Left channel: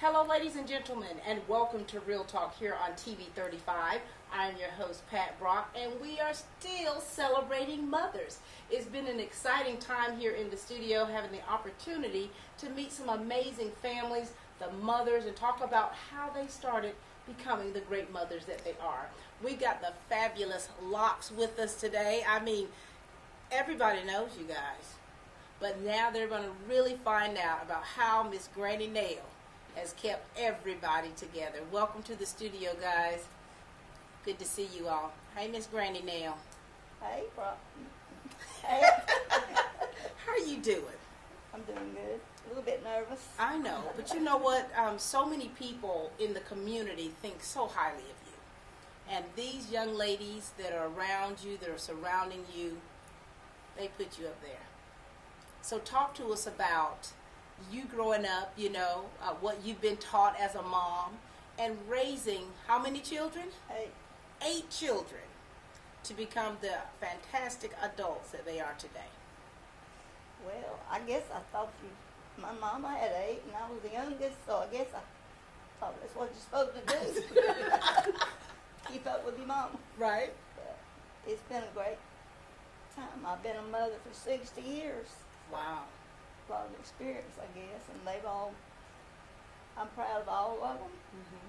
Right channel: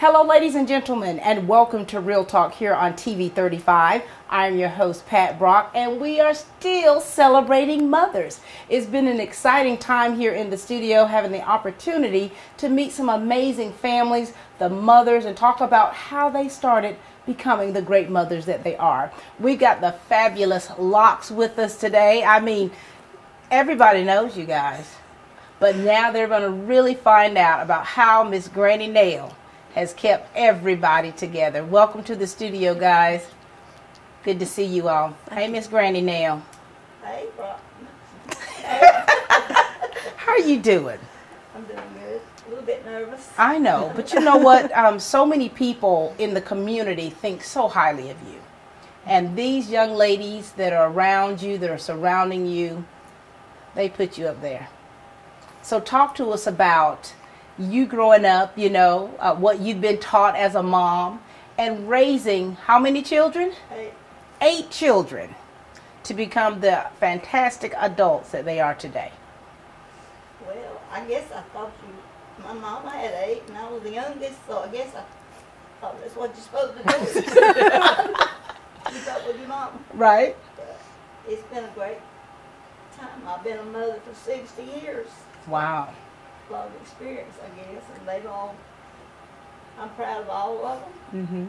Hello, ladies and gentlemen, and welcome to Real Talk here on TV 35. I'm your host, Pat Brock, and we are still celebrating mothers. It's been an exciting time here in the studio, having the opportunity to meet some amazing families, the mothers, and talk about how they started becoming the great mothers that they are. We've got the fabulous Locks with us today. I mean, everybody knows you guys, but now they're going to really find out about how Miss Granny Nail has kept everybody together. Welcome to the studio, guys. Good to see you all. Hey, Miss Granny Nail. Hey, Brock. How are you doing? I'm doing good. A little bit nervous. I know, but you know what? So many people in the community think so highly of you. And these young ladies that are around you, that are surrounding you, they put you up there. So talk to us about you growing up, you know, what you've been taught as a mom, and raising how many children? 8 children to become the fantastic adults that they are today. Well, I guess I thought my mama had 8 and I was the youngest, so I guess I thought that's what you're supposed to do. Keep up with your mama. Right. It's been a great time. I've been a mother for 60 years. Wow. A lot of experience, I guess, and I'm proud of all of them. Mm-hmm.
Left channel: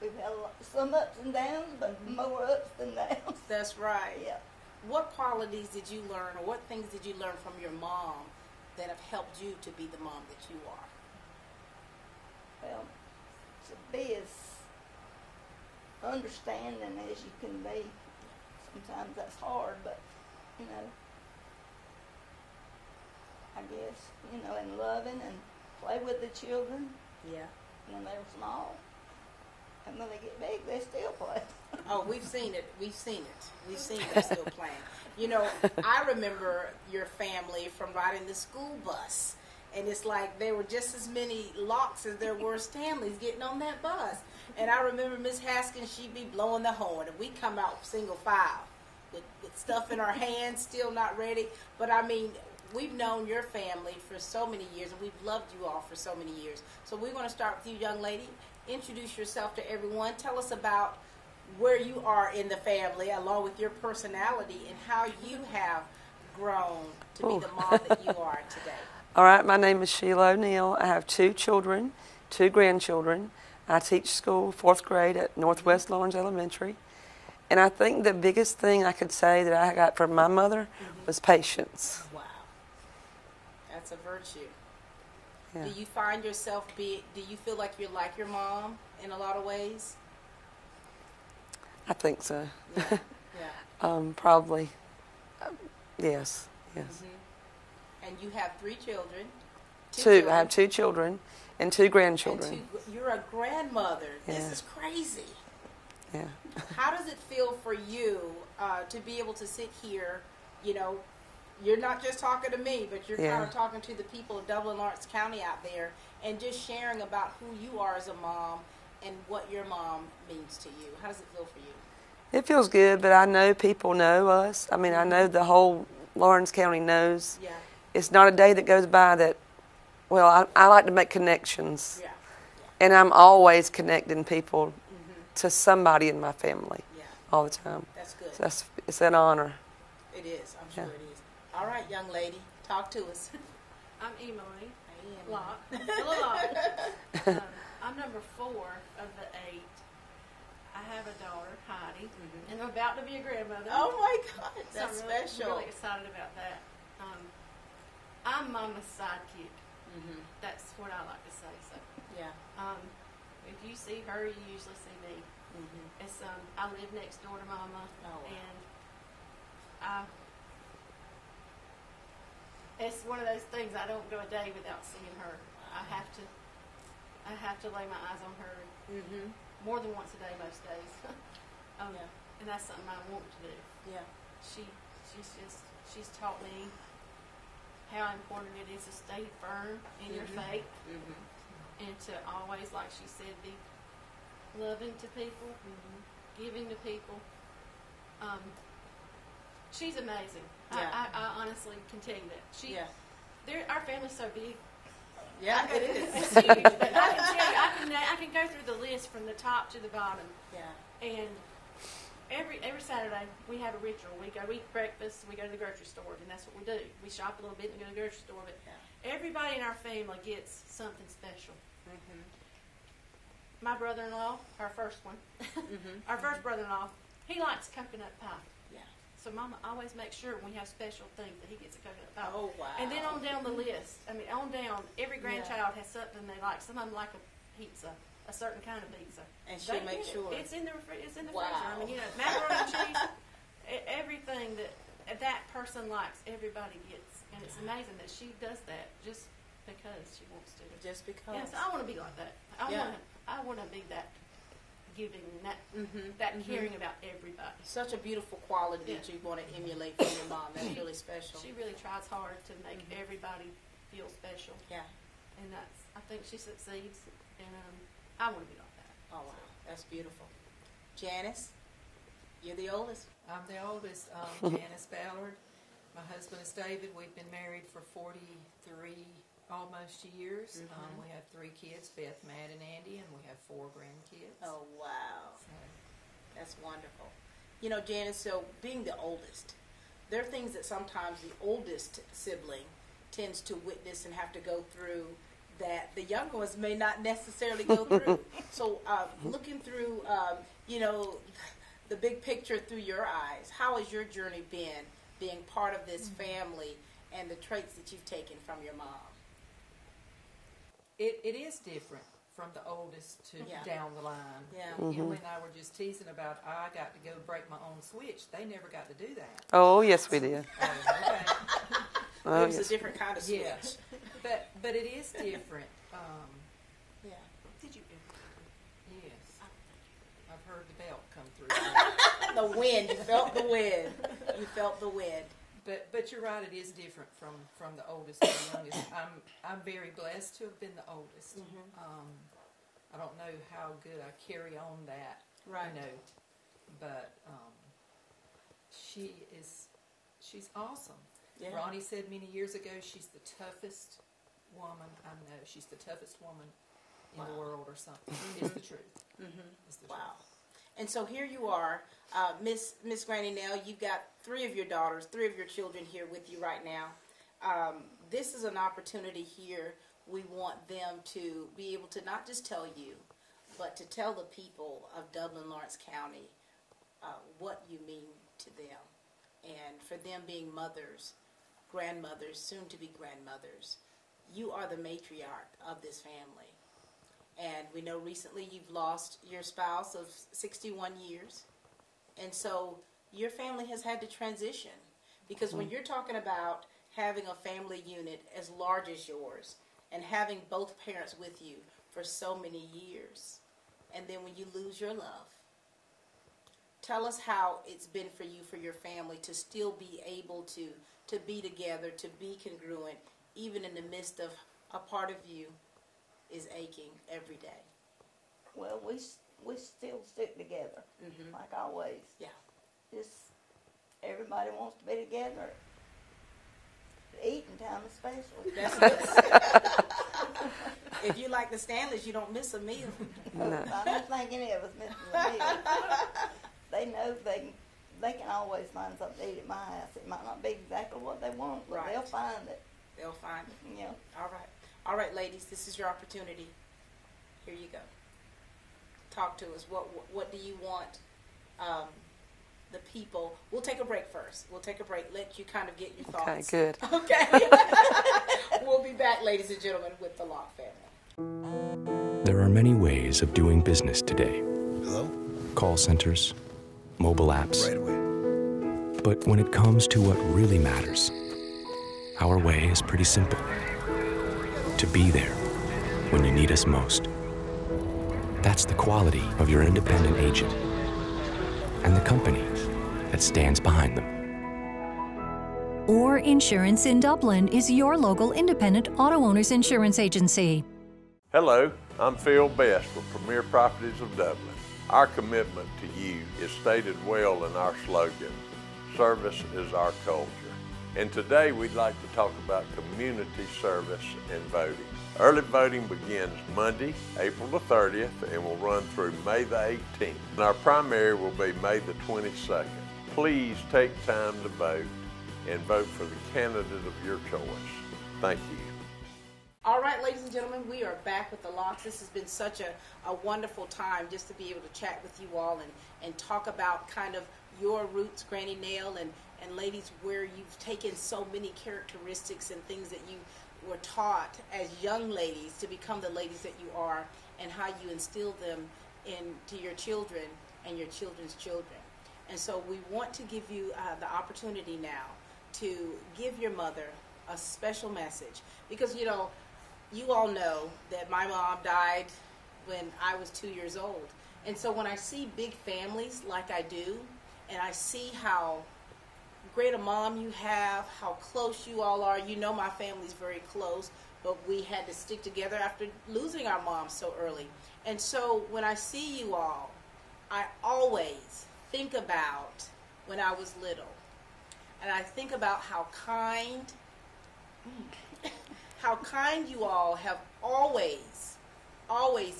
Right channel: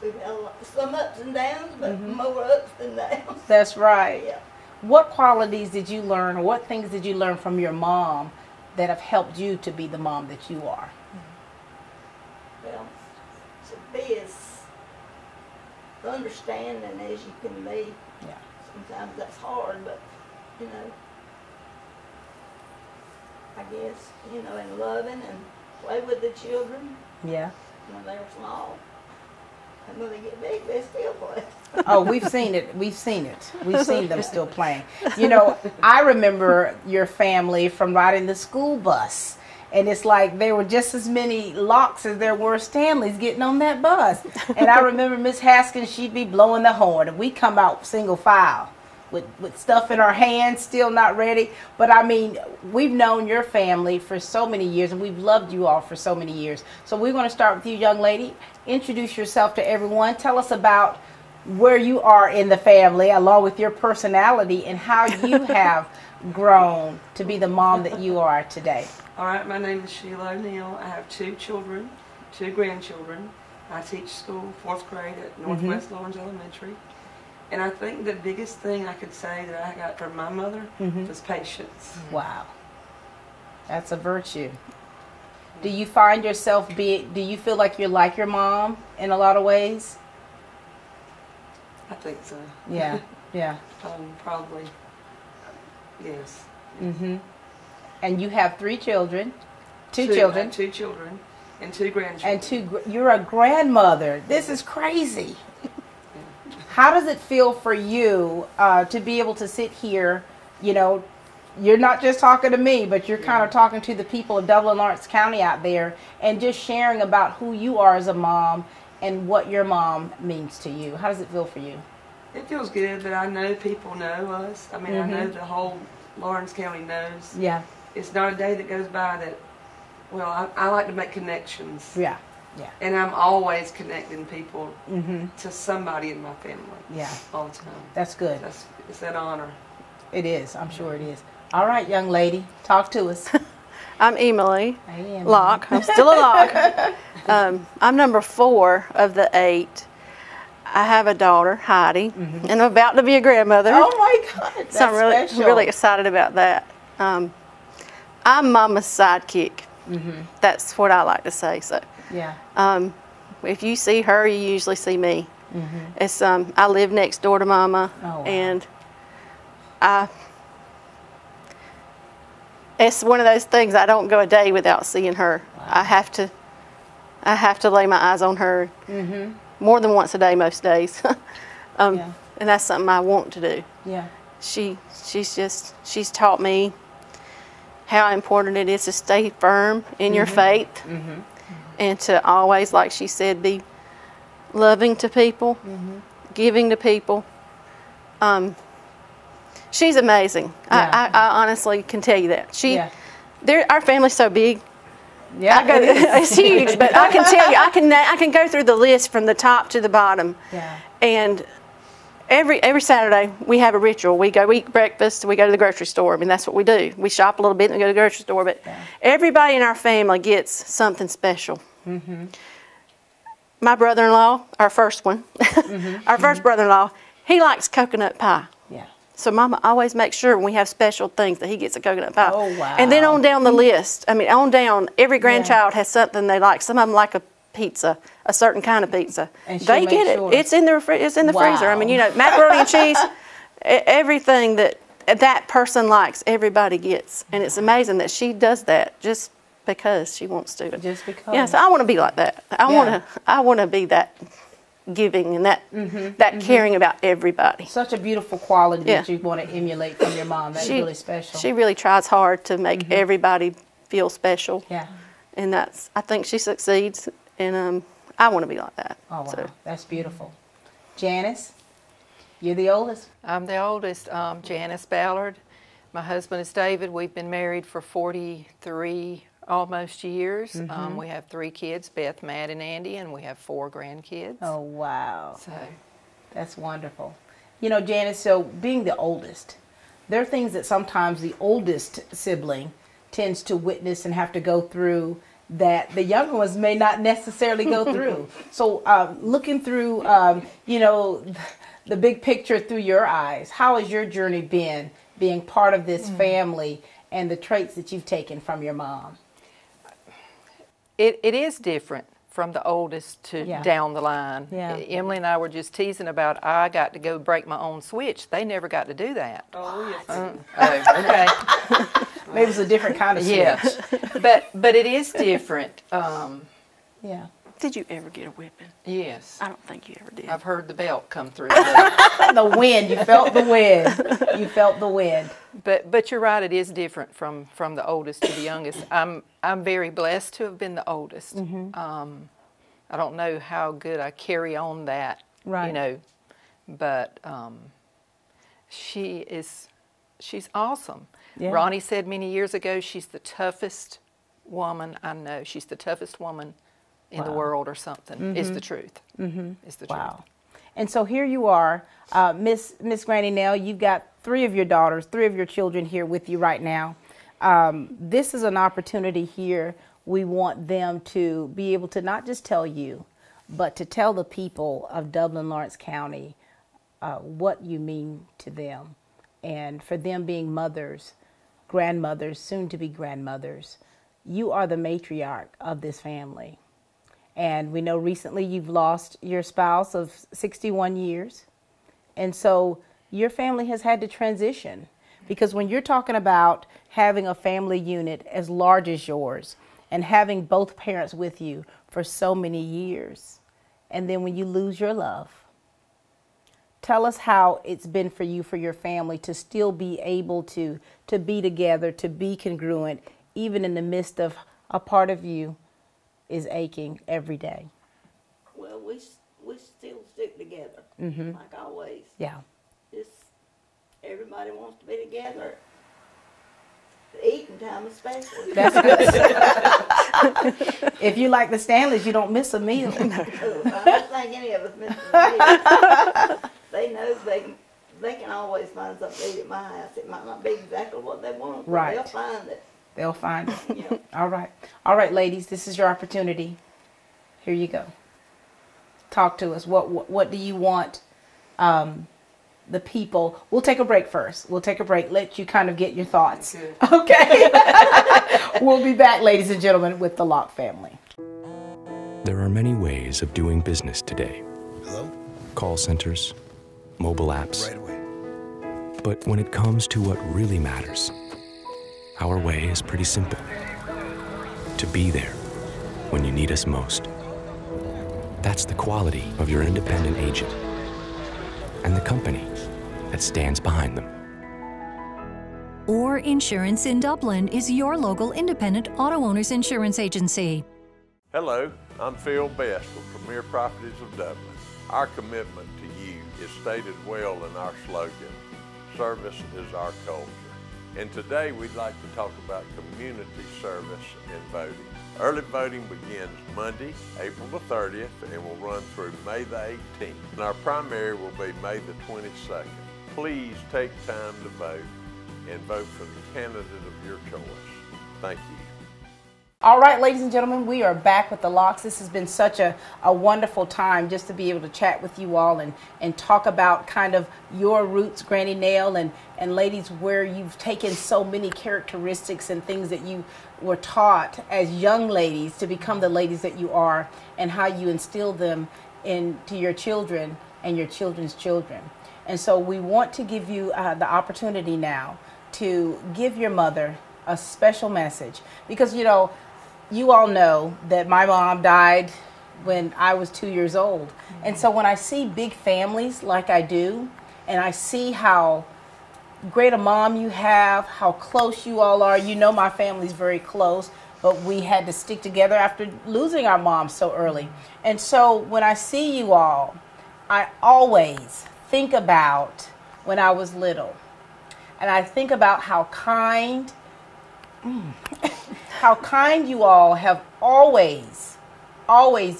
We've had some ups and downs, but more ups than downs. That's right. Yeah. What qualities did you learn, or what things did you learn from your mom that have helped you to be the mom that you are? Well, to be as understanding as you can be. Yeah. Sometimes that's hard, but, you know, I guess, you know, and loving and play with the children Yeah. when they're small. And when they get big, they still play. Oh, we've seen it. We've seen it. We've seen them still playing. You know, I remember your family from riding the school bus. And it's like there were just as many Locks as there were Stanleys getting on that bus. And I remember Miss Haskins, she'd be blowing the horn. And we'd come out single file with stuff in our hands, still not ready. But I mean, we've known your family for so many years, and we've loved you all for so many years. So we're going to start with you, young lady. Introduce yourself to everyone. Tell us about where you are in the family, along with your personality, and how you have grown to be the mom that you are today. All right, my name is Sheila O'Neill. I have 2 children, 2 grandchildren. I teach school, 4th grade at Northwest Lawrence Elementary. And I think the biggest thing I could say that I got from my mother was patience. Wow. That's a virtue. Yeah. Do you find yourself do you feel like you're like your mom in a lot of ways? I think so. Yeah, yeah. Probably. Yes. And you have 3 children, 2 children. children. I have 2 children and 2 grandchildren. And you're a grandmother. This is crazy. Yeah. How does it feel for you to be able to sit here, you know, you're not just talking to me, but you're kind of talking to the people of Dublin Lawrence County out there, and just sharing about who you are as a mom and what your mom means to you. How does it feel for you? It feels good, but I know people know us. I mean, I know the whole Lawrence County knows. Yeah. It's not a day that goes by that, well, I like to make connections. Yeah. Yeah. And I'm always connecting people to somebody in my family. Yeah. All the time. That's good. So it's an honor. It is. I'm sure it is. All right, young lady, talk to us. I'm Emily Hey, Emily. Locke. I'm still a Locke. I'm number 4 of the 8. I have a daughter, Heidi, and I'm about to be a grandmother. Oh my God, that's so I'm special. really excited about that. I'm Mama's sidekick. That's what I like to say. So. Yeah. If you see her, you usually see me. It's I live next door to Mama, and it's one of those things. I don't go a day without seeing her. Wow. I have to lay my eyes on her more than once a day, most days. And that's something I want to do. Yeah. She's taught me how important it is to stay firm in your faith. And to always, like she said, be loving to people, giving to people. She's amazing. Yeah. I honestly can tell you that. Our family's so big. Yeah, it's huge, but I can tell you, I can go through the list from the top to the bottom. Yeah. And every Saturday we have a ritual. We go eat breakfast, we go to the grocery store. I mean, that's what we do. We shop a little bit and go to the grocery store, but everybody in our family gets something special. My brother-in-law, our first one, our first brother-in-law, he likes coconut pie. Yeah. So Mama always makes sure when we have special things that he gets a coconut pie. Oh, wow. And then on down the list, I mean, on down, every grandchild has something they like. Some of them like a pizza, a certain kind of pizza. And they get it. It's in the freezer. I mean, you know, macaroni and cheese, everything that person likes, everybody gets. And it's amazing that she does that just because she wants to. Just because. Yeah, so I want to be like that. I want to be that giving and that caring about everybody. Such a beautiful quality that you want to emulate from your mom. That's really special. She really tries hard to make everybody feel special. Yeah. And I think she succeeds, and I want to be like that. Oh, wow. So. That's beautiful. Janice, you're the oldest? I'm the oldest, Janice Ballard. My husband is David. We've been married for 43 almost years. We have 3 kids, Beth, Matt, and Andy, and we have 4 grandkids. Oh, wow. So that's wonderful. You know, Janice, so being the oldest, there are things that sometimes the oldest sibling tends to witness and have to go through that the younger ones may not necessarily go through. So looking through, you know, the big picture through your eyes, how has your journey been being part of this family and the traits that you've taken from your mom? it is different from the oldest to down the line. Yeah. Emily and I were just teasing about I got to go break my own switch. They never got to do that. Oh, yes, we did. Okay. Maybe it was a different kind of switch. Yeah, but it is different. Yeah. Did you ever get a whipping? Yes. I don't think you ever did. I've heard the belt come through. The wind. You felt the wind. You felt the wind. But you're right. It is different from the oldest to the youngest. I'm very blessed to have been the oldest. I don't know how good I carry on that. Right. You know, but she's awesome. Yeah. Ronnie said many years ago she's the toughest woman I know. She's the toughest woman in the world or something. Is the truth. Is the truth. Wow. And so here you are, Miss Granny Nell, you've got 3 of your daughters, 3 of your children here with you right now. This is an opportunity here. We want them to be able to not just tell you, but to tell the people of Dublin, Lawrence County what you mean to them. And for them being mothers, grandmothers, soon to be grandmothers, you are the matriarch of this family. And we know recently you've lost your spouse of 61 years. And so your family has had to transition. Because when you're talking about having a family unit as large as yours and having both parents with you for so many years, and then when you lose your love, tell us how it's been for you, for your family, to still be able to be together, to be congruent, even in the midst of a part of you is aching every day. Well, we still stick together, like always. Yeah. Just everybody wants to be together. Eating time especially. If you like the Stanleys, you don't miss a meal. I don't think any of us miss a meal. They know they can always find something to eat at my house. It might not be exactly what they want, but Right. they'll find it. They'll find it. Yeah. All right. All right, ladies, this is your opportunity. Here you go. Talk to us. What do you want the people? We'll take a break first. We'll take a break. Let you kind of get your thoughts. Good. Okay. We'll be back, ladies and gentlemen, with the Locke family. There are many ways of doing business today. Hello? Call centers, mobile apps. Right away. But when it comes to what really matters, our way is pretty simple. To be there when you need us most. That's the quality of your independent agent and the company that stands behind them. Orr Insurance in Dublin is your local independent auto owners insurance agency. Hello, I'm Phil Best with Premier Properties of Dublin. Our commitment to you is stated well in our slogan, service is our culture. And today we'd like to talk about community service and voting. Early voting begins Monday, April the 30th, and will run through May the 18th. And our primary will be May the 22nd. Please take time to vote and vote for the candidate of your choice. Thank you. All right, ladies and gentlemen, we are back with the Locks. This has been such a wonderful time just to be able to chat with you all and talk about kind of your roots, Granny Nell, and ladies, where you've taken so many characteristics and things that you were taught as young ladies to become the ladies that you are, and how you instill them into your children and your children's children. And so we want to give you the opportunity now to give your mother a special message, because you know, you all know that my mom died when I was 2 years old. And so when I see big families like I do, and I see how great a mom you have, how close you all are, you know my family's very close, but we had to stick together after losing our mom so early. And so when I see you all, I always think about when I was little. And I think about how kind you all have always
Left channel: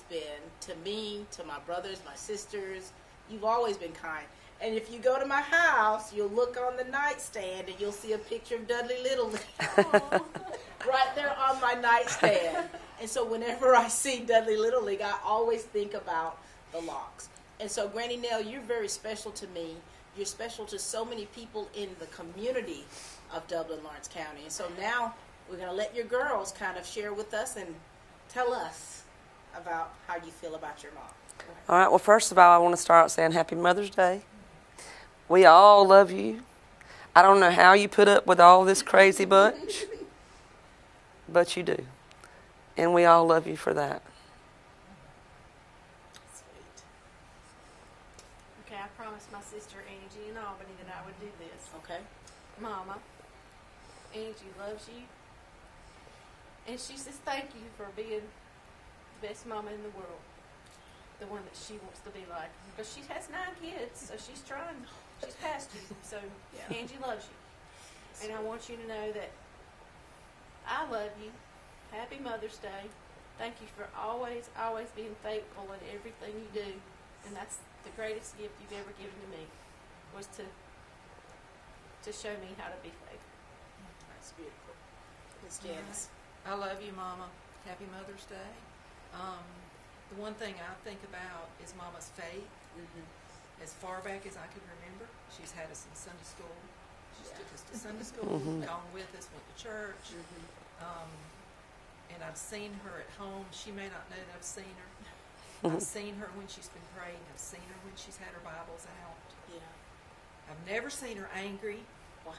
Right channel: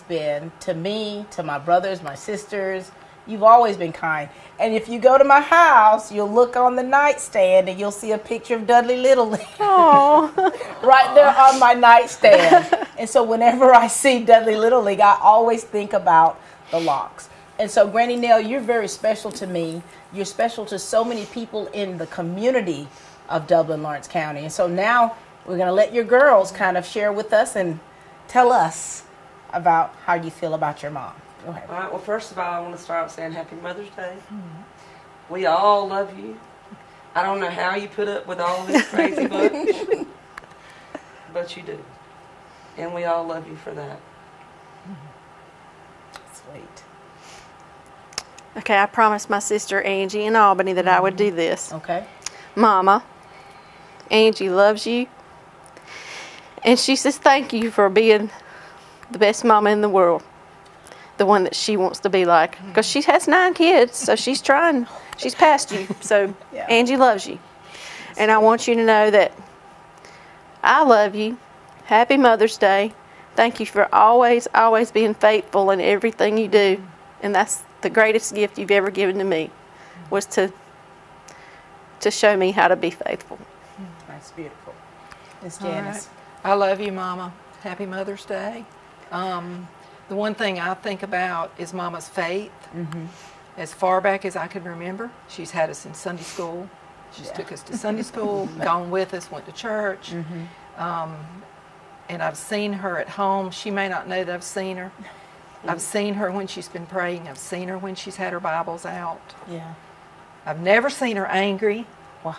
been to me, to my brothers, my sisters. You've always been kind. And if you go to my house, you'll look on the nightstand and you'll see a picture of Dudley Little right there on my nightstand. And so whenever I see Dudley Little League, I always think about the Locks. And so Granny Nell, you're very special to me. You're special to so many people in the community of Dublin, Lawrence County. And so now we're going to let your girls kind of share with us and tell us about how you feel about your mom. Go ahead. All right, well, first of all, I want to start saying Happy Mother's Day. We all love you. I don't know how you put up with all this crazy bunch, but you do. And we all love you for that. Sweet. Okay, I promised my sister Angie in Albany that I would do this. Okay. Mama, Angie loves you. And she says thank you for being the best mama in the world. The one that she wants to be like. Because she has 9 kids, so she's trying. She's past you. So yeah. Angie loves you. And I want you to know that I love you. Happy Mother's Day. Thank you for always being faithful in everything you do. And that's the greatest gift you've ever given to me, was to show me how to be faithful. That's beautiful. Miss Janice. Right. I love you, Mama. Happy Mother's Day. The one thing I think about is Mama's faith. As far back as I can remember, she's had us in Sunday school. She's took us to Sunday school, gone with us, went to church. And I've seen her at home. She may not know that I've seen her. I've seen her when she's been praying. I've seen her when she's had her Bibles out. Yeah. I've never seen her angry. Wow.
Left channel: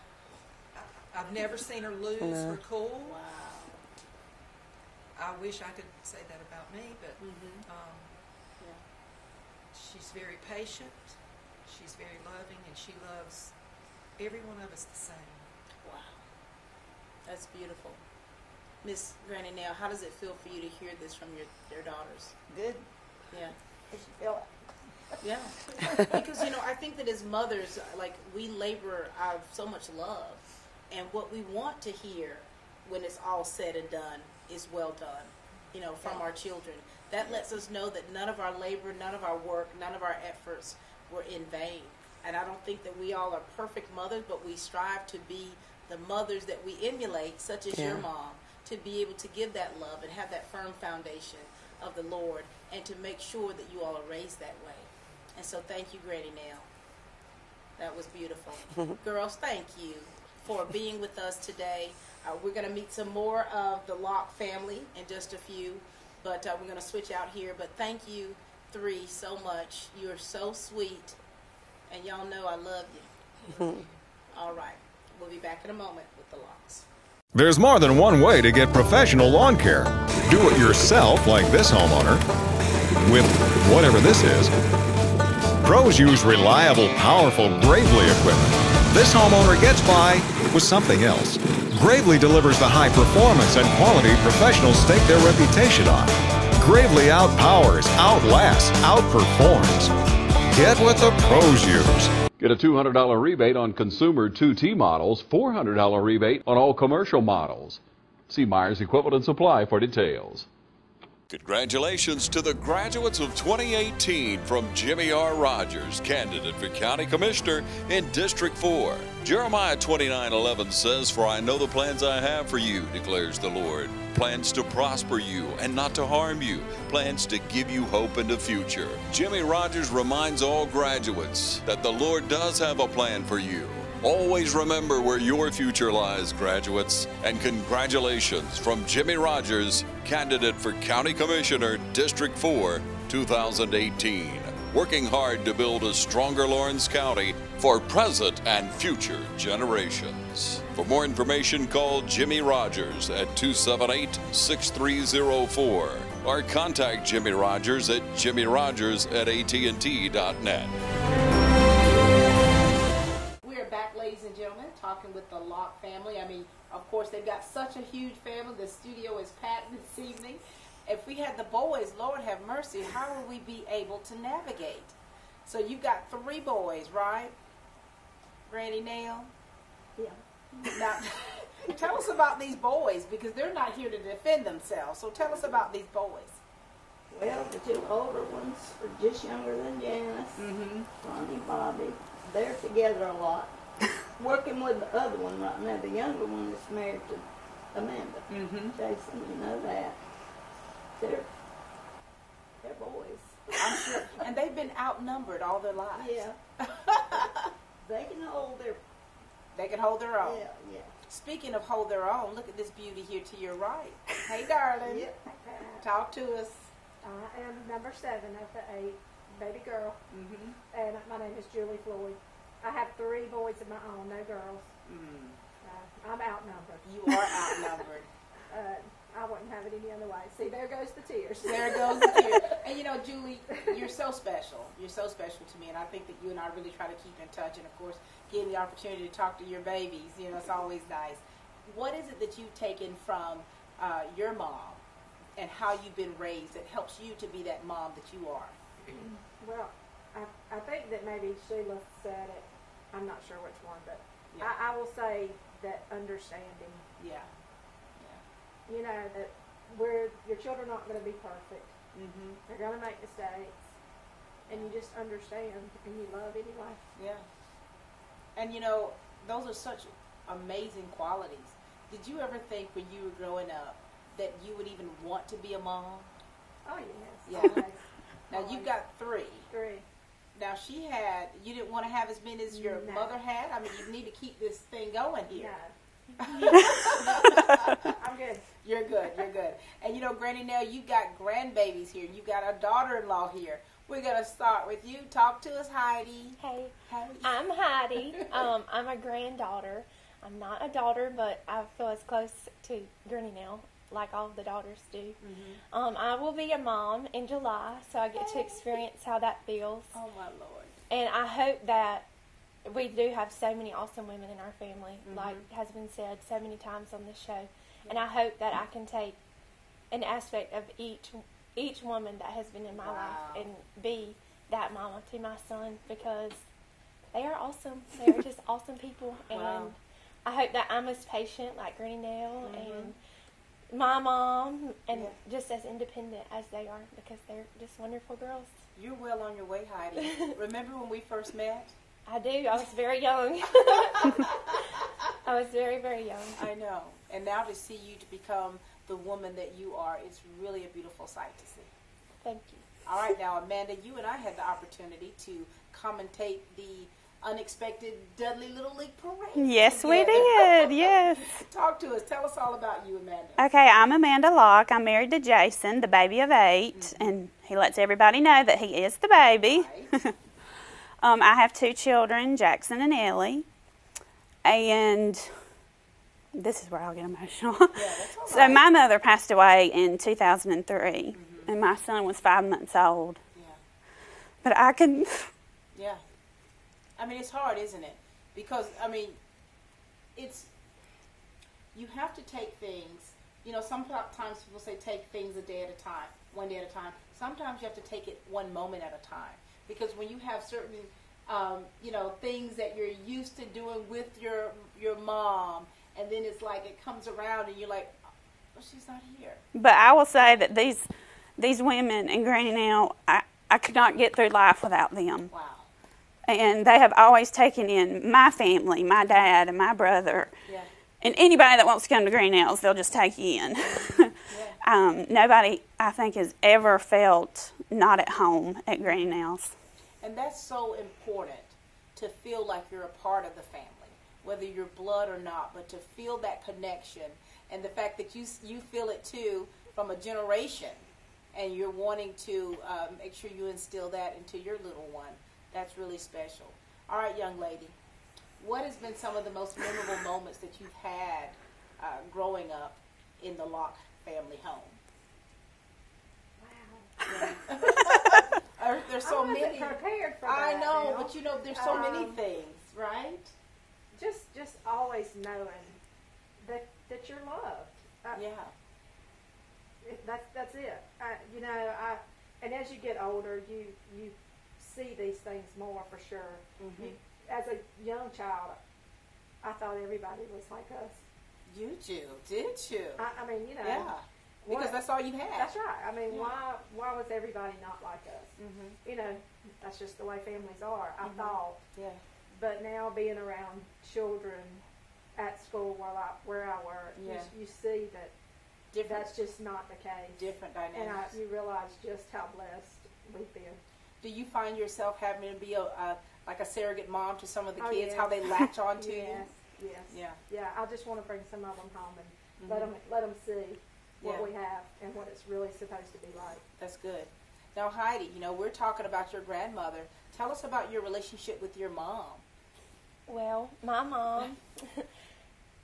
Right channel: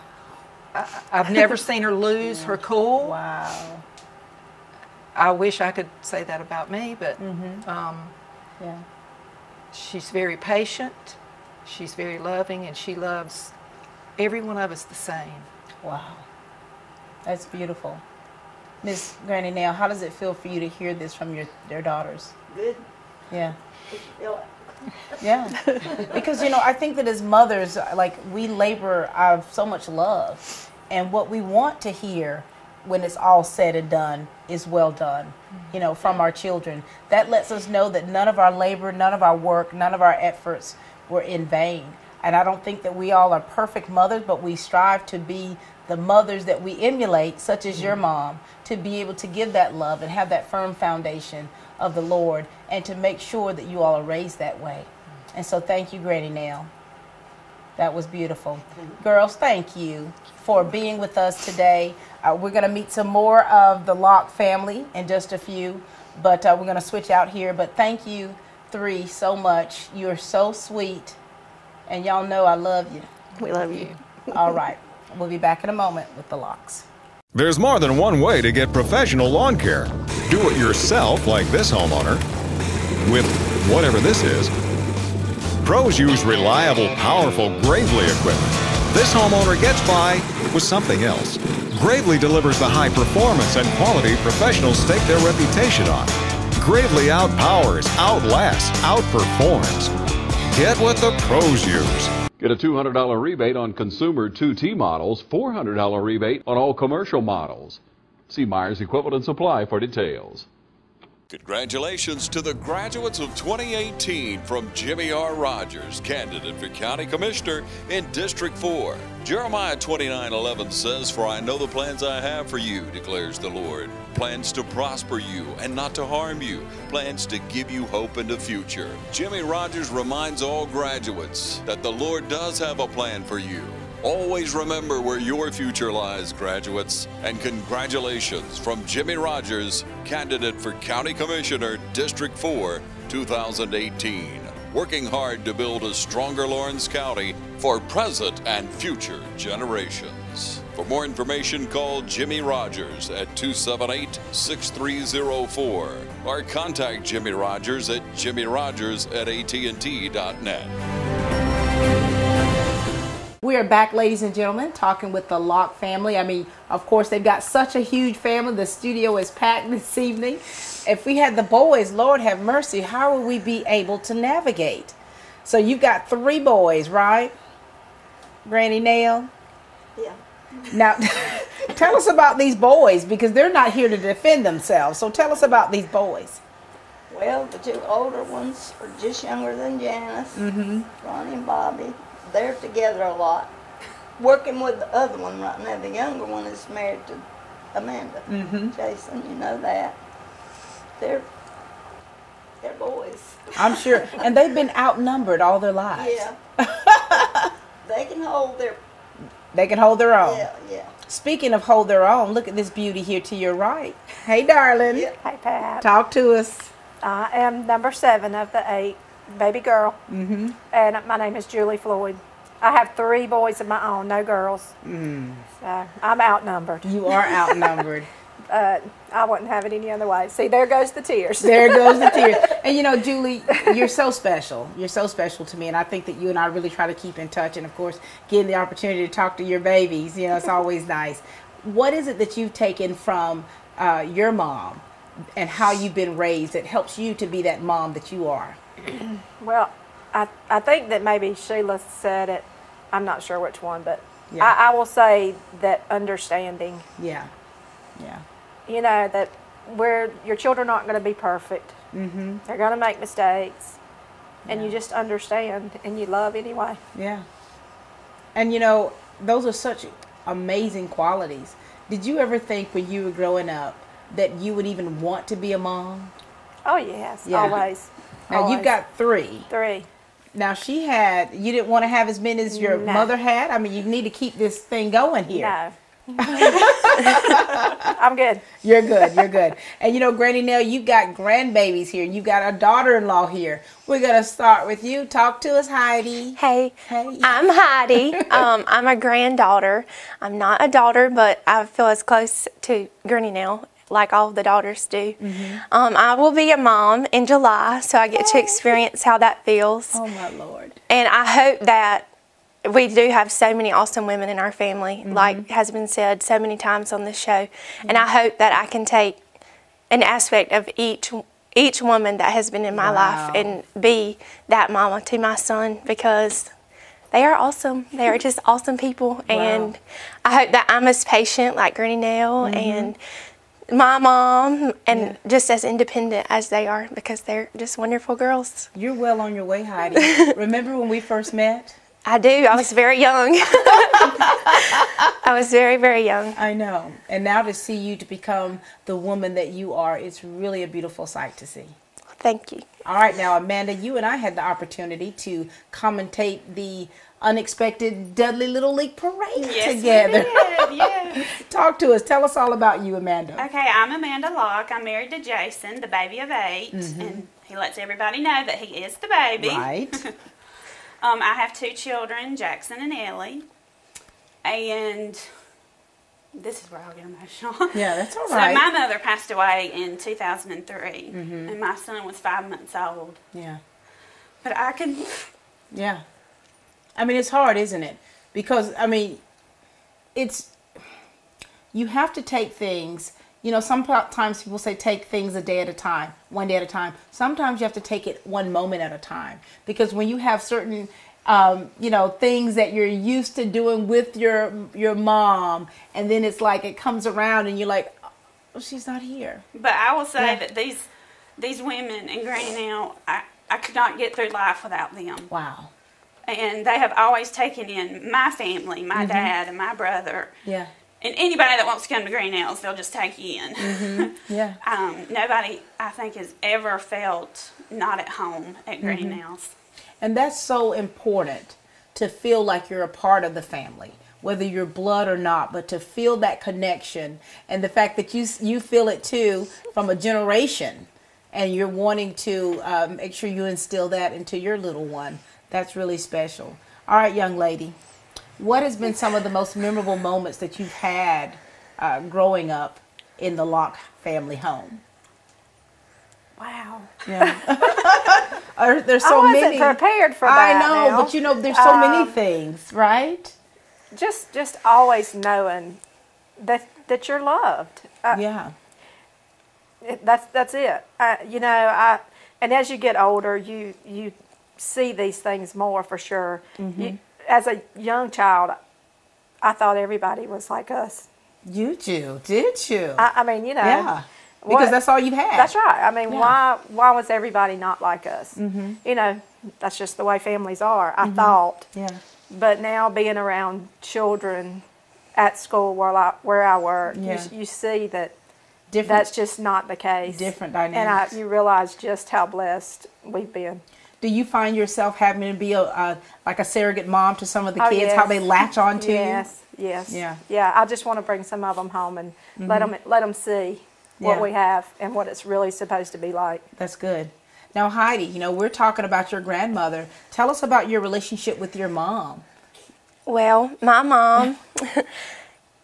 I've never seen her lose her cool. Wow. I wish I could say that about me, but Yeah. she's very patient, she's very loving, and she loves every one of us the same. Wow. That's beautiful. Miss Granny Nell, how does it feel for you to hear this from your daughters? Good. Yeah. Did you feel it? Yeah. Because, you know, I think that as mothers, like, we labor out of so much love. And what we want to hear when it's all said and done is well done, you know, from our children. That lets us know that none of our labor, none of our work, none of our efforts were in vain. And I don't think that we all are perfect mothers, but we strive to be the mothers that we emulate, such as your mom, to be able to give that love and have that firm foundation of the Lord, and to make sure that you all are raised that way. And so thank you, Granny Nell. That was beautiful. Girls, thank you for being with us today. We're going to meet some more of the Locke family in just a few, but we're going to switch out here. But thank you 3 so much. You're so sweet, and y'all know I love you. We love you. All right. We'll be back in a moment with the Locks. There's more than one way to get professional lawn care. Do it yourself, like this homeowner, with whatever this is. Pros use reliable, powerful Gravely equipment. This homeowner gets by with something else. Gravely delivers the high performance and quality professionals stake their reputation on. Gravely outpowers, outlasts, outperforms. Get what the pros use. Get a $200 rebate on consumer 2T models, $400 rebate on all commercial models. See Myers Equipment and Supply for details. Congratulations to the graduates of 2018 from Jimmy R. Rogers, candidate for County Commissioner in District 4. Jeremiah 29:11 says, "For I know the plans I have for you, declares the Lord. Plans to prosper you and not to harm you. Plans to give you hope in the future." Jimmy Rogers reminds all graduates that the Lord does have a plan for you. Always remember where your future lies, graduates. And congratulations from Jimmy Rogers, candidate for County Commissioner, District 4, 2018. Working hard to build a stronger Lawrence County for present and future generations. For more information, call Jimmy Rogers at 278-6304 or contact Jimmy Rogers at jimmyrogers@AT&T.net. We are back, ladies and gentlemen, talking with the Locke family. I mean, of course, they've got such a huge family. The studio is packed this evening. If we had the boys, Lord have mercy, how would we be able to navigate? So you've got 3 boys, right? Granny Nell? Yeah. Now, tell us about these boys, because they're not here to defend themselves. So tell us about these boys. Well, the 2 older ones are just younger than Janice, Ronnie and Bobby. They're together a lot. Working with the other one right now. The younger one is married to Amanda. Jason, you know that. They're boys. I'm sure. And they've been outnumbered all their lives. Yeah. They can hold their... They can hold their own. Yeah, yeah. Speaking of hold their own, look at this beauty here to your right. Hey, darling. Yeah. Hey, Pat. Talk to us. I am number 7 of the 8, baby girl. And my name is Julie Floyd. I have 3 boys of my own, no girls. So I'm outnumbered. You are outnumbered. I wouldn't have it any other way. See, there goes the tears. There goes the tears. And you know, Julie, you're so special. You're so special to me. And I think that you and I really try to keep in touch. And of course, getting the opportunity to talk to your babies, you know, it's always nice. What is it that you've taken from your mom and how you've been raised that helps you to be that mom that you are? Well, I think that maybe Sheila said it. I'm not sure which one, but Yeah. I will say that understanding. Yeah. Yeah. You know, that where your children aren't going to be perfect. They're going to make mistakes. And you just understand and you love anyway. Yeah. And you know, those are such amazing qualities. Did you ever think when you were growing up that you would even want to be a mom? Oh, yes. Yeah. Always. Now, Always. you've got 3. 3. Now, you didn't want to have as many as your mother had? I mean, you need to keep this thing going here. No. I'm good. You're good. You're good. And you know, Granny Nell, you've got grandbabies here. You've got a daughter-in-law here. We're going to start with you. Talk to us, Heidi. Hey. Hey. I'm Heidi. I'm a granddaughter. I'm not a daughter, but I feel as close to Granny Nell like all the daughters do. I will be a mom in July, so I get to experience how that feels. Oh, my Lord. And I hope that we do have so many awesome women in our family, like has been said so many times on this show. And I hope that I can take an aspect of each woman that has been in my life and be that mama to my son, because they are awesome. They are just awesome people. And I hope that I'm as patient like Granny Nell and my mom and just as independent as they are, because they're just wonderful girls. You're well on your way, Heidi. Remember when we first met? I do. I was very young. I was very, very young. I know. And now to see you to become the woman that you are, it's really a beautiful sight to see. Thank you. All right, now, Amanda, you and I had the opportunity to commentate the unexpected Dudley Little League Parade together. Yes, we did. Yeah. Talk to us. Tell us all about you, Amanda. Okay, I'm Amanda Locke. I'm married to Jason, the baby of 8, and he lets everybody know that he is the baby. Right. I have 2 children, Jackson and Ellie, and this is where I'll get emotional. Yeah, that's all right. So my mother passed away in 2003, and my son was 5 months old. Yeah. But I can... Yeah. I mean, it's hard, isn't it? Because, I mean, you have to take things, you know, sometimes people say take things a day at a time, one day at a time. Sometimes you have to take it one moment at a time. Because when you have certain, you know, things that you're used to doing with your mom, and then it's like it comes around and you're like, Well, she's not here. But I will say that these women and Granny Nell, I could not get through life without them. Wow. And they have always taken in my family, my dad and my brother. Yeah. And anybody that wants to come to Granny Nell's, they'll just take you in. Yeah. Nobody, I think, has ever felt not at home at Granny Nell's. And that's so important, to feel like you're a part of the family, whether you're blood or not, but to feel that connection, and the fact that you feel it too from a generation, and you're wanting to make sure you instill that into your little one. That's really special. All right, young lady, what has been some of the most memorable moments that you've had growing up in the Locke family home? Wow. Yeah. There's so I many. wasn't prepared for that. I know, Nell. but you know, there's so many things, right? Just always knowing that you're loved. Yeah. That's it. You know, and as you get older, you see these things more for sure. As a young child, I thought everybody was like us. You do, did you? I mean, you know. Yeah. Because that's all you've had. That's right. I mean, why was everybody not like us? You know, that's just the way families are, I thought. Yeah. But now being around children at school where I work, you see that that's just not the case. Different dynamics. And you realize just how blessed we've been. Do you find yourself having to be like a surrogate mom to some of the kids, yes. how they latch on to you? Yes. Yeah. Yeah. I just want to bring some of them home and let them see what we have and what it's really supposed to be like. That's good. Now, Heidi, you know, we're talking about your grandmother. Tell us about your relationship with your mom. Well, my mom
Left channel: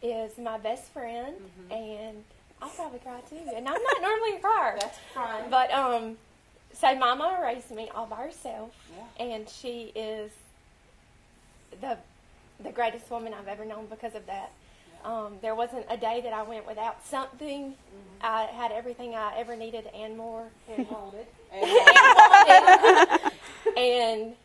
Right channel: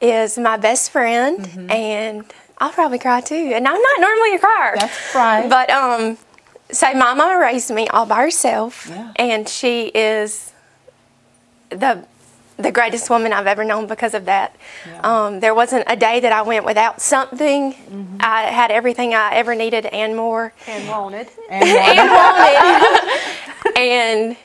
is my best friend, and I'll probably cry too. And I'm not normally a crier. That's right. But so my mama raised me all by herself, and she is the greatest woman I've ever known because of that. Yeah. There wasn't a day that I went without something. I had everything I ever needed and more. And wanted. And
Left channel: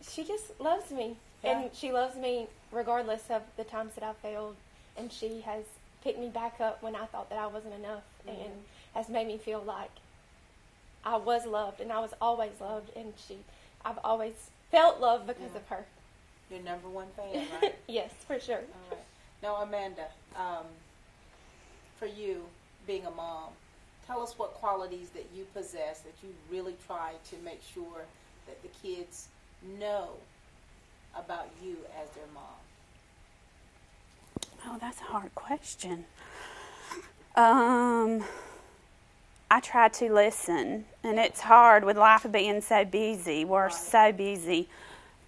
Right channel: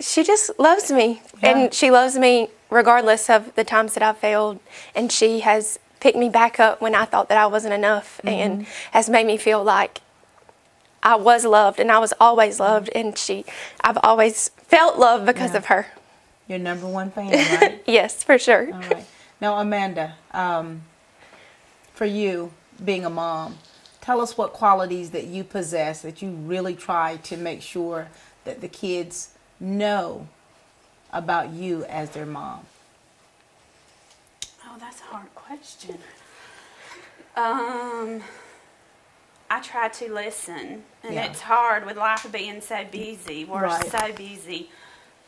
she just loves me. Yeah. And she loves me regardless of the times that I've failed. And she has picked me back up when I thought that I wasn't enough and has made me feel like I was loved and I was always loved. And I've always felt love because of her. Your number one fan, right? Yes, for sure. All right. Now, Amanda, for you, being a mom, tell us what qualities that you possess that you really try to make sure that the kids know about you as their mom. Oh, that's a hard question. I try to listen, and it's hard with life being so busy. We're so busy.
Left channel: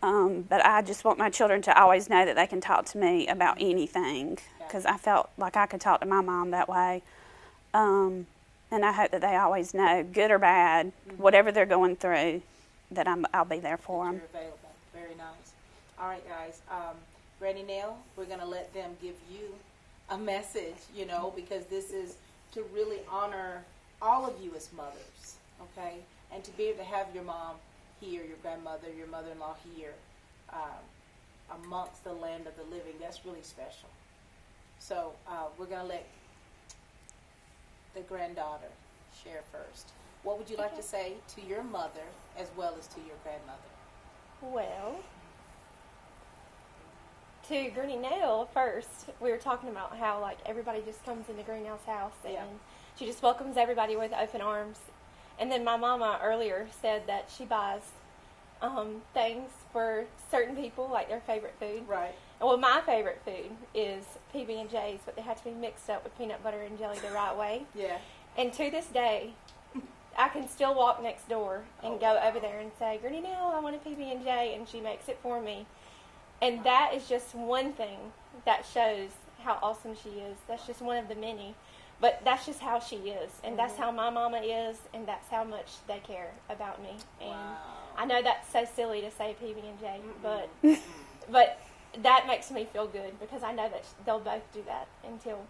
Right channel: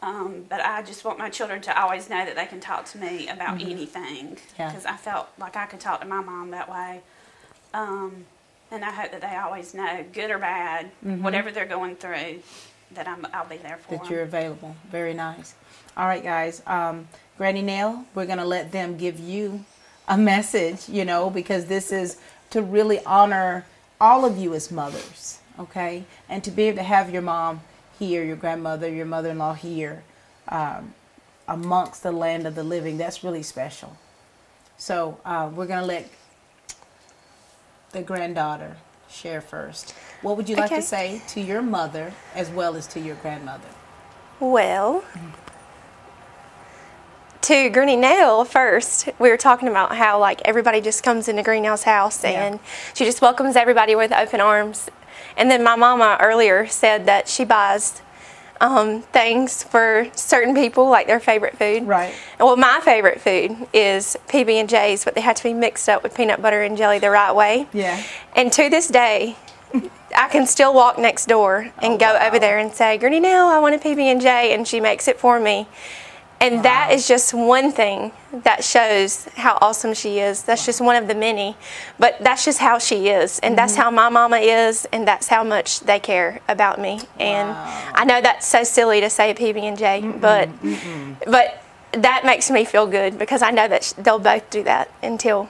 But I just want my children to always know that they can talk to me about anything, because I felt like I could talk to my mom that way. And I hope that they always know, good or bad, whatever they're going through, that I'll be there for them. That you're available. Very nice. All right, guys. Granny Nell, we're going to let them give you a message, you know, because this is to really honor all of you as mothers, okay? And to be able to have your mom here, your grandmother, your mother-in-law here, amongst the land of the living, that's really special. So we're going to let the granddaughter share first. What would you like to say to your mother as well as to your grandmother? Well, to Granny Nell first, we were talking about how like everybody just comes into Granny Nell's house and she just welcomes everybody with open arms. And then my mama earlier said that she buys things for certain people, like their favorite food. Right. Well, my favorite food is PB&Js, but they have to be mixed up with peanut butter and jelly the right way. Yeah. And to this day, I can still walk next door and go over there and say, Granny Nell, I want a PB&J, and she makes it for me. And that is just one thing that shows how awesome she is. That's just one of the many. But that's just how she is. And that's how my mama is. And that's how much they care about me. And I know that's so silly to say PB&J, but that makes me feel good because I know that they'll both do that until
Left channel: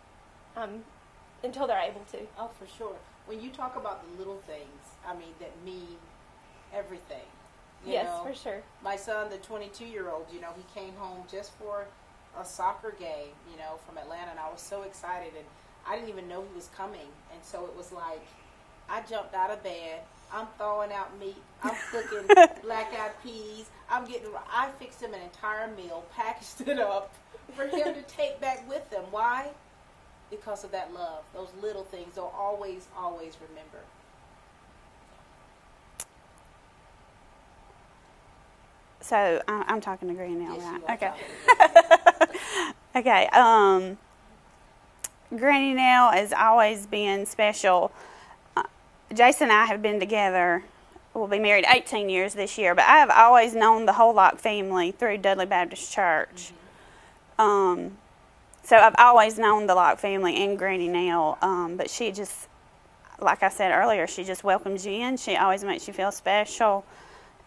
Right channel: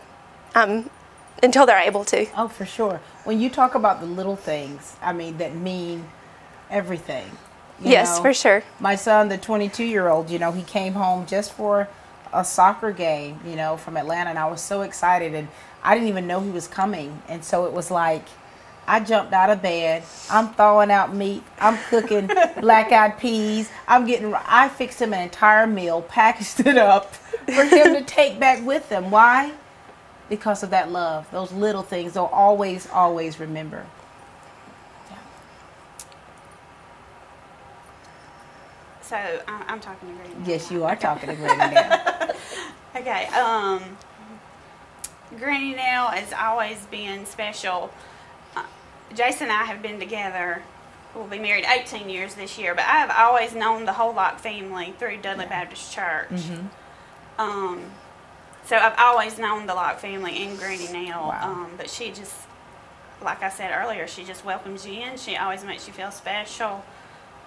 they're able to. Oh, for sure. When you talk about the little things, I mean, that mean everything. You yes, know, for sure. My son, the 22-year-old, you know, he came home just for a soccer game, you know, from Atlanta, and I was so excited, and I didn't even know he was coming, and so it was like, I jumped out of bed, I'm thawing out meat, I'm cooking black-eyed peas, I fixed him an entire meal, packaged it up for him to take back with him. Why? Because of that love, those little things they'll always, always remember. So I'm talking to Granny now. Yes, you are talking to Granny now. Okay. Granny Nell has always been special. Jason and I have been together. We'll be married 18 years this year, but I have always known the whole Locke family through Dudley Baptist Church. Mm-hmm. So I've always known the Locke family and Granny Nell. Wow. But she just, like I said earlier, she just welcomes you in. She always makes you feel special.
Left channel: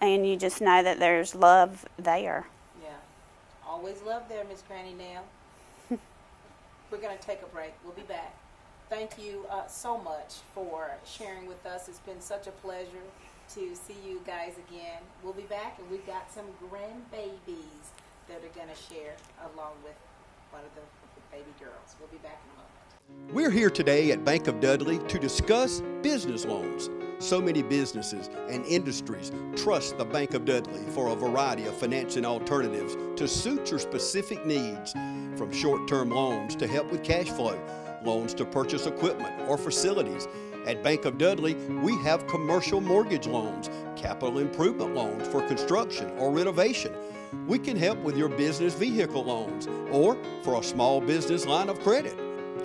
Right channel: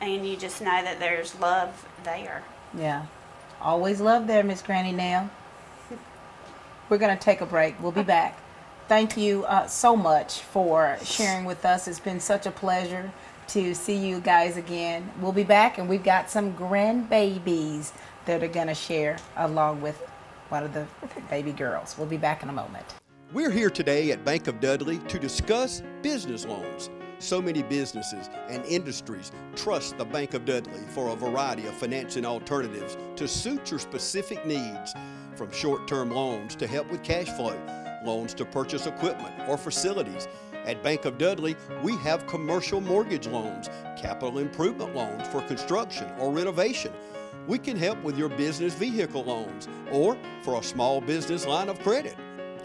And you just know that there's love there. Yeah. Always love there, Miss Granny Nell. We're going to take a break. We'll be back. Thank you so much for sharing with us. It's been such a pleasure to see you guys again. We'll be back, and we've got some grandbabies that are going to share along with one of the baby girls. We'll be back in a moment. We're here today at Bank of Dudley to discuss business loans. So many businesses and industries trust the Bank of Dudley for a variety of financing alternatives to suit your specific needs, from short-term loans to help with cash flow, loans to purchase equipment or facilities. At Bank of Dudley, we have commercial mortgage loans, capital improvement loans for construction or renovation. We can help with your business vehicle loans or for a small business line of credit.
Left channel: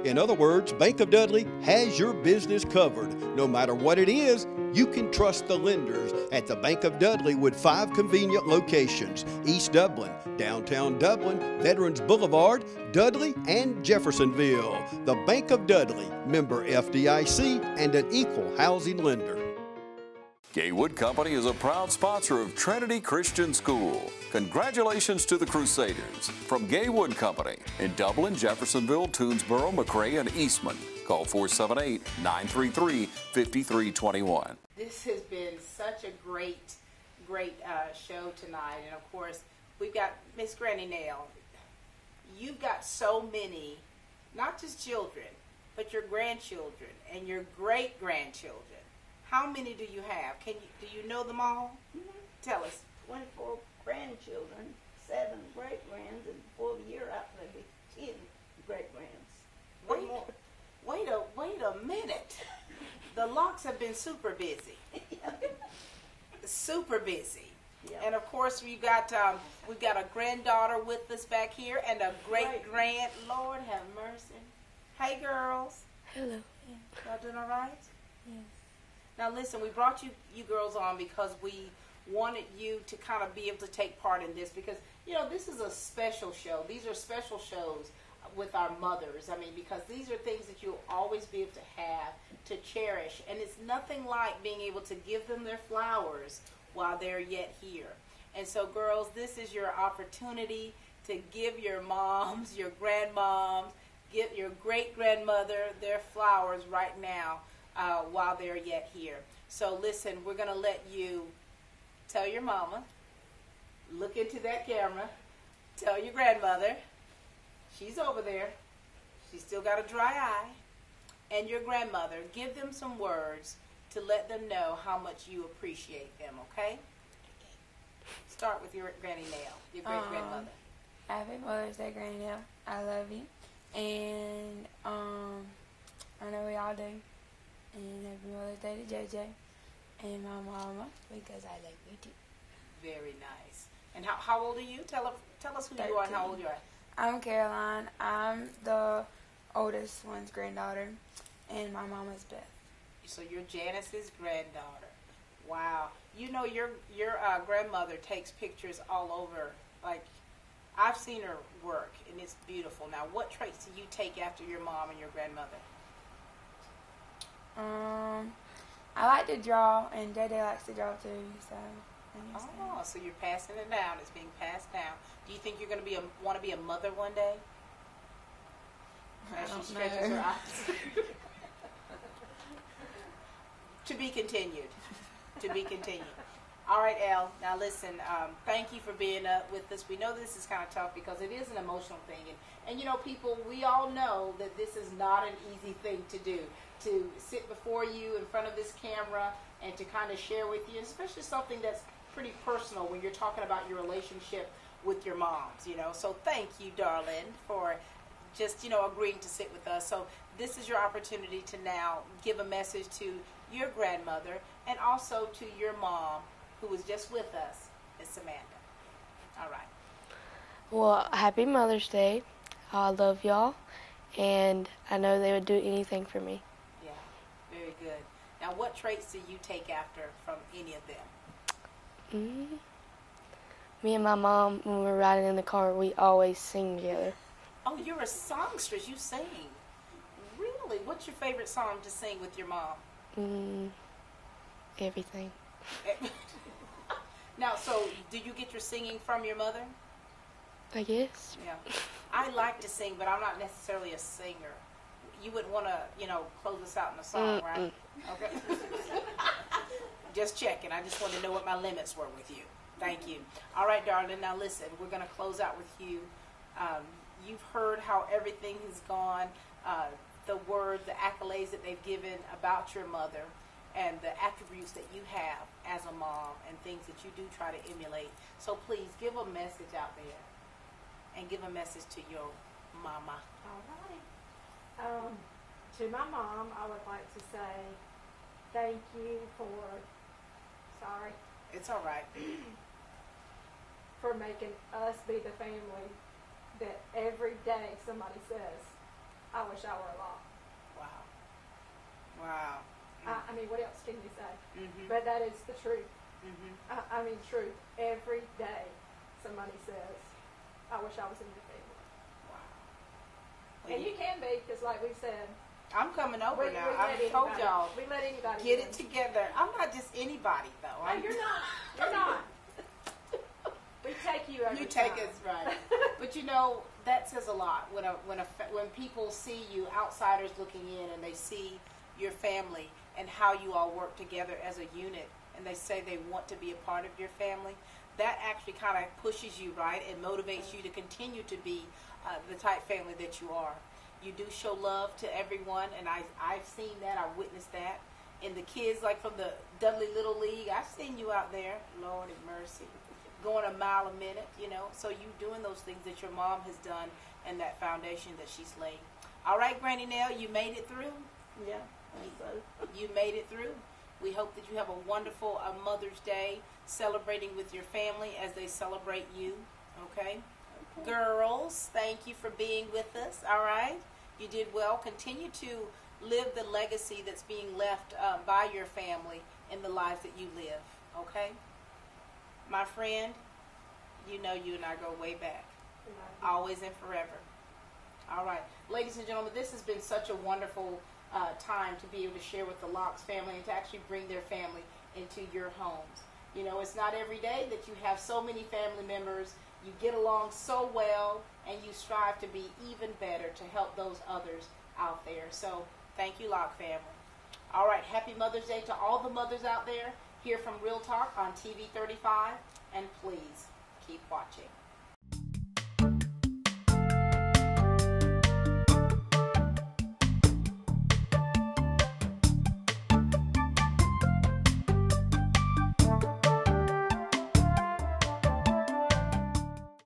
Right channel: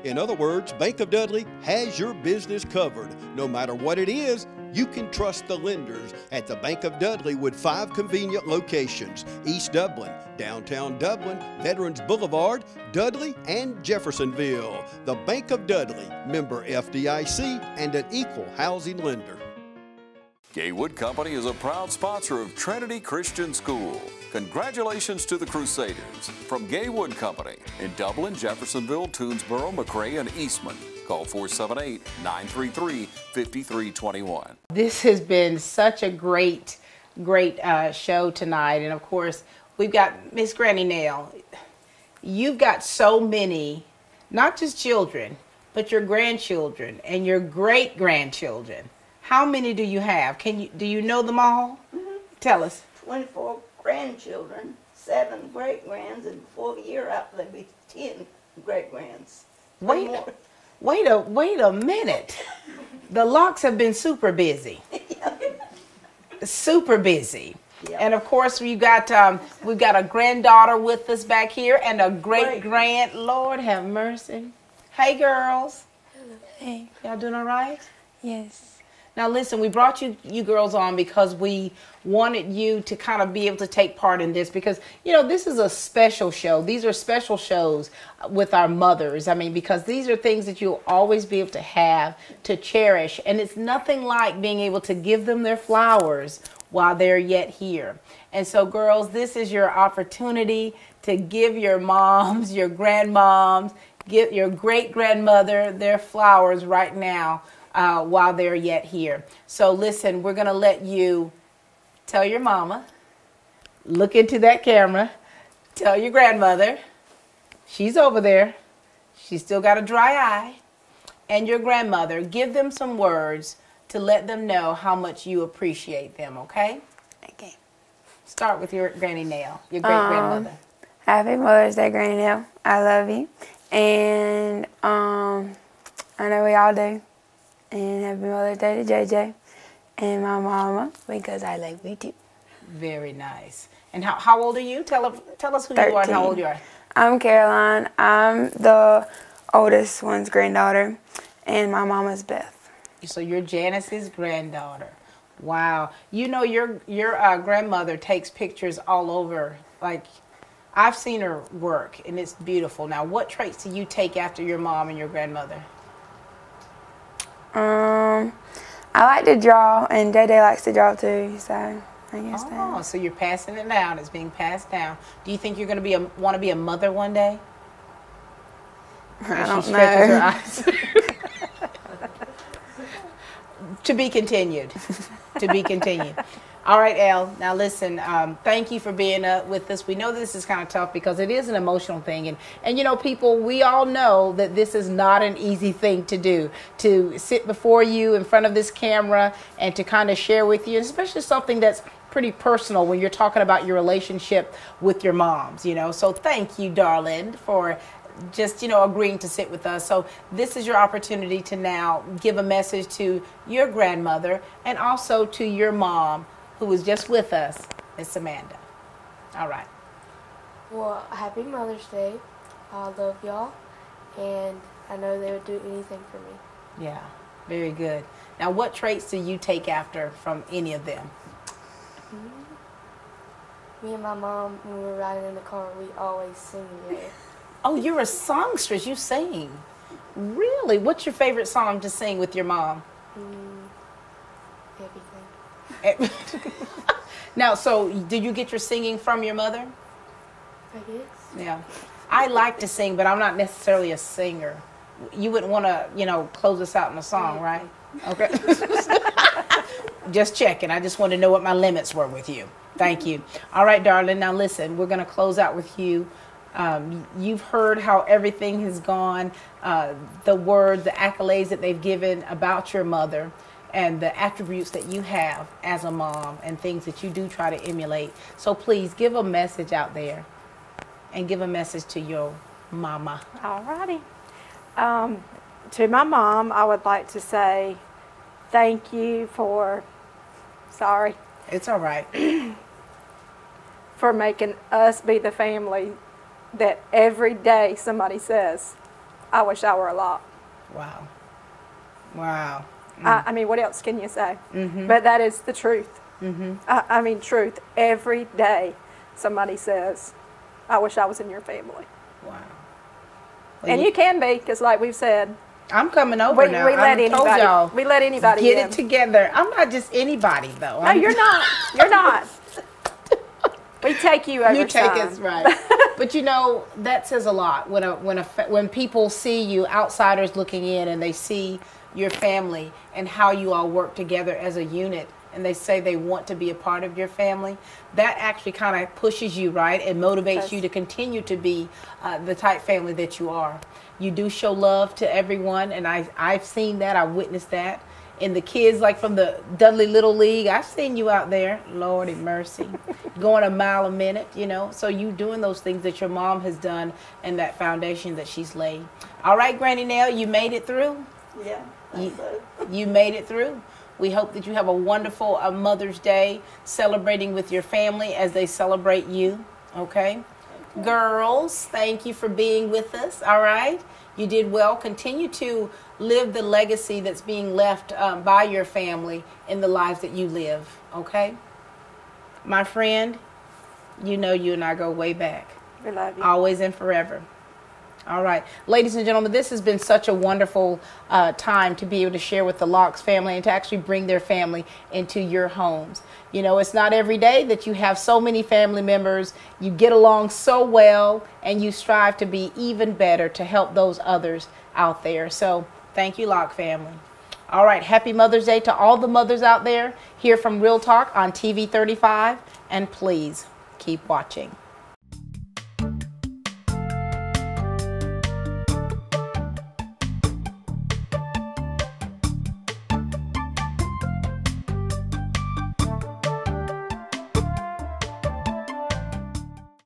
In other words, Bank of Dudley has your business covered. No matter what it is, you can trust the lenders at the Bank of Dudley with 5 convenient locations: East Dublin, downtown Dublin, Veterans Boulevard, Dudley, and Jeffersonville. The Bank of Dudley, member FDIC, and an equal housing lender. Gaywood Company is a proud sponsor of Trinity Christian School. Congratulations to the Crusaders. From Gaywood Company in Dublin, Jeffersonville, Toonsboro, McRae, and Eastman. Call 478-933-5321. This has been such a great show tonight. And of course, we've got Miss Granny Nell. You've got so many, not just children, but your grandchildren and your great-grandchildren. How many do you have? Do you know them all? Mm-hmm. Tell us. 24 grandchildren, 7 great-grands, and before the year out, there'll be 10 great-grands. Wait a minute. The Locks have been super busy. Super busy. Yep. And of course, we've got a granddaughter with us back here and a great-grand. Lord have mercy. Hey, girls. Hello. Hey. Y'all doing all right? Yes. Now listen, we brought you girls on because we wanted you to kind of be able to take part in this because, you know, this is a special show. These are special shows with our mothers. I mean, because these are things that you'll always be able to have, to cherish. And it's nothing like being able to give them their flowers while they're yet here. And so, girls, this is your opportunity to give your moms, your grandmoms, give your great-grandmother their flowers right now. While they're yet here. So listen, we're going to let you tell your mama, look into that camera, tell your grandmother, she's over there, she's still got a dry eye, and your grandmother, give them some words to let them know how much you appreciate them, okay? Okay. Start with your Granny Nell, your great-grandmother. Happy Mother's Day, Granny Nell. I love you. And I know we all do. And happy Mother's Day to JJ and my mama because I like you too. Very nice. And how old are you? Tell us who 13. you are and how old you are. I'm Caroline. I'm the oldest one's granddaughter, and my mama's Beth. So you're Janice's granddaughter. Wow. You know your grandmother takes pictures all over. Like, I've seen her work, and it's beautiful. Now, what traits do you take after your mom and your grandmother? I like to draw, and Day likes to draw too, so I guess that. Oh, so you're passing it down. It's being passed down. Do you think you're going to want to be a mother one day? I don't she know. stretches her eyes. To be continued. To be continued. All right, Elle. Now listen, thank you for being with us. We know this is kind of tough because it is an emotional thing. And you know, people, we all know that this is not an easy thing to do, to sit before you in front of this camera and to kind of share with you, especially something that's pretty personal when you're talking about your relationship with your moms, you know. So thank you, darling, for just, you know, agreeing to sit with us. So this is your opportunity to now give a message to your grandmother and also to your mom, who was just with us, Miss Amanda. All right. Well, happy Mother's Day. I love y'all, and I know they would do anything for me. Yeah, very good. Now, what traits do you take after from any of them? Me and my mom, when we're riding in the car, we always sing together. Oh, you're a songstress. You sing. Really? What's your favorite song to sing with your mom? Everything. Now, so do you get your singing from your mother? I guess. Yeah. I like to sing, but I'm not necessarily a singer. You wouldn't want to, you know, close us out in a song, right? Okay. Just checking. I just want to know what my limits were with you. Thank you. All right, darling. Now, listen, we're going to close out with you. You've heard how everything has gone, the words, the accolades that they've given about your mother, and the attributes that you have as a mom and things that you do try to emulate. So please give a message out there and give a message to your mama. All righty. To my mom, I would like to say thank you for, sorry. It's all right. For making us be the family that every day somebody says, I wish I were a Locke. Wow. Wow. I mean, what else can you say? But that is the truth. I mean, truth. Every day somebody says, I wish I was in your family. Wow. Well, and you can be, because like we've said, I'm coming over now. We let anybody. We let anybody get in. it together. I'm not just anybody, though. No, you're not. You're not. We take you over You take time. us right. But you know, that says a lot when people see you, outsiders looking in, and they see your family and how you all work together as a unit, and they say they want to be a part of your family. That actually kind of pushes you, right, and motivates you to continue to be the type family that you are. You do show love to everyone, and I've seen that. I've witnessed that. And the kids, like from the Dudley Little League, I've seen you out there, Lord have mercy, going a mile a minute, you know. So you doing those things that your mom has done and that foundation that she's laid. All right, Granny Nell, you made it through? Yeah, you made it through. We hope that you have a wonderful Mother's Day celebrating with your family as they celebrate you, okay? Girls, thank you for being with us, all right? You did well. Continue to live the legacy that's being left by your family in the lives that you live, okay? My friend, you know you and I go way back. We love you. Always and forever. All right. Ladies and gentlemen, this has been such a wonderful time to be able to share with the Locke's family and to actually bring their family into your homes. You know, it's not every day that you have so many family members, you get along so well, and you strive to be even better to help those others out there. So thank you, Locke family. All right. Happy Mother's Day to all the mothers out there here from Real Talk on TV 35. And please keep watching.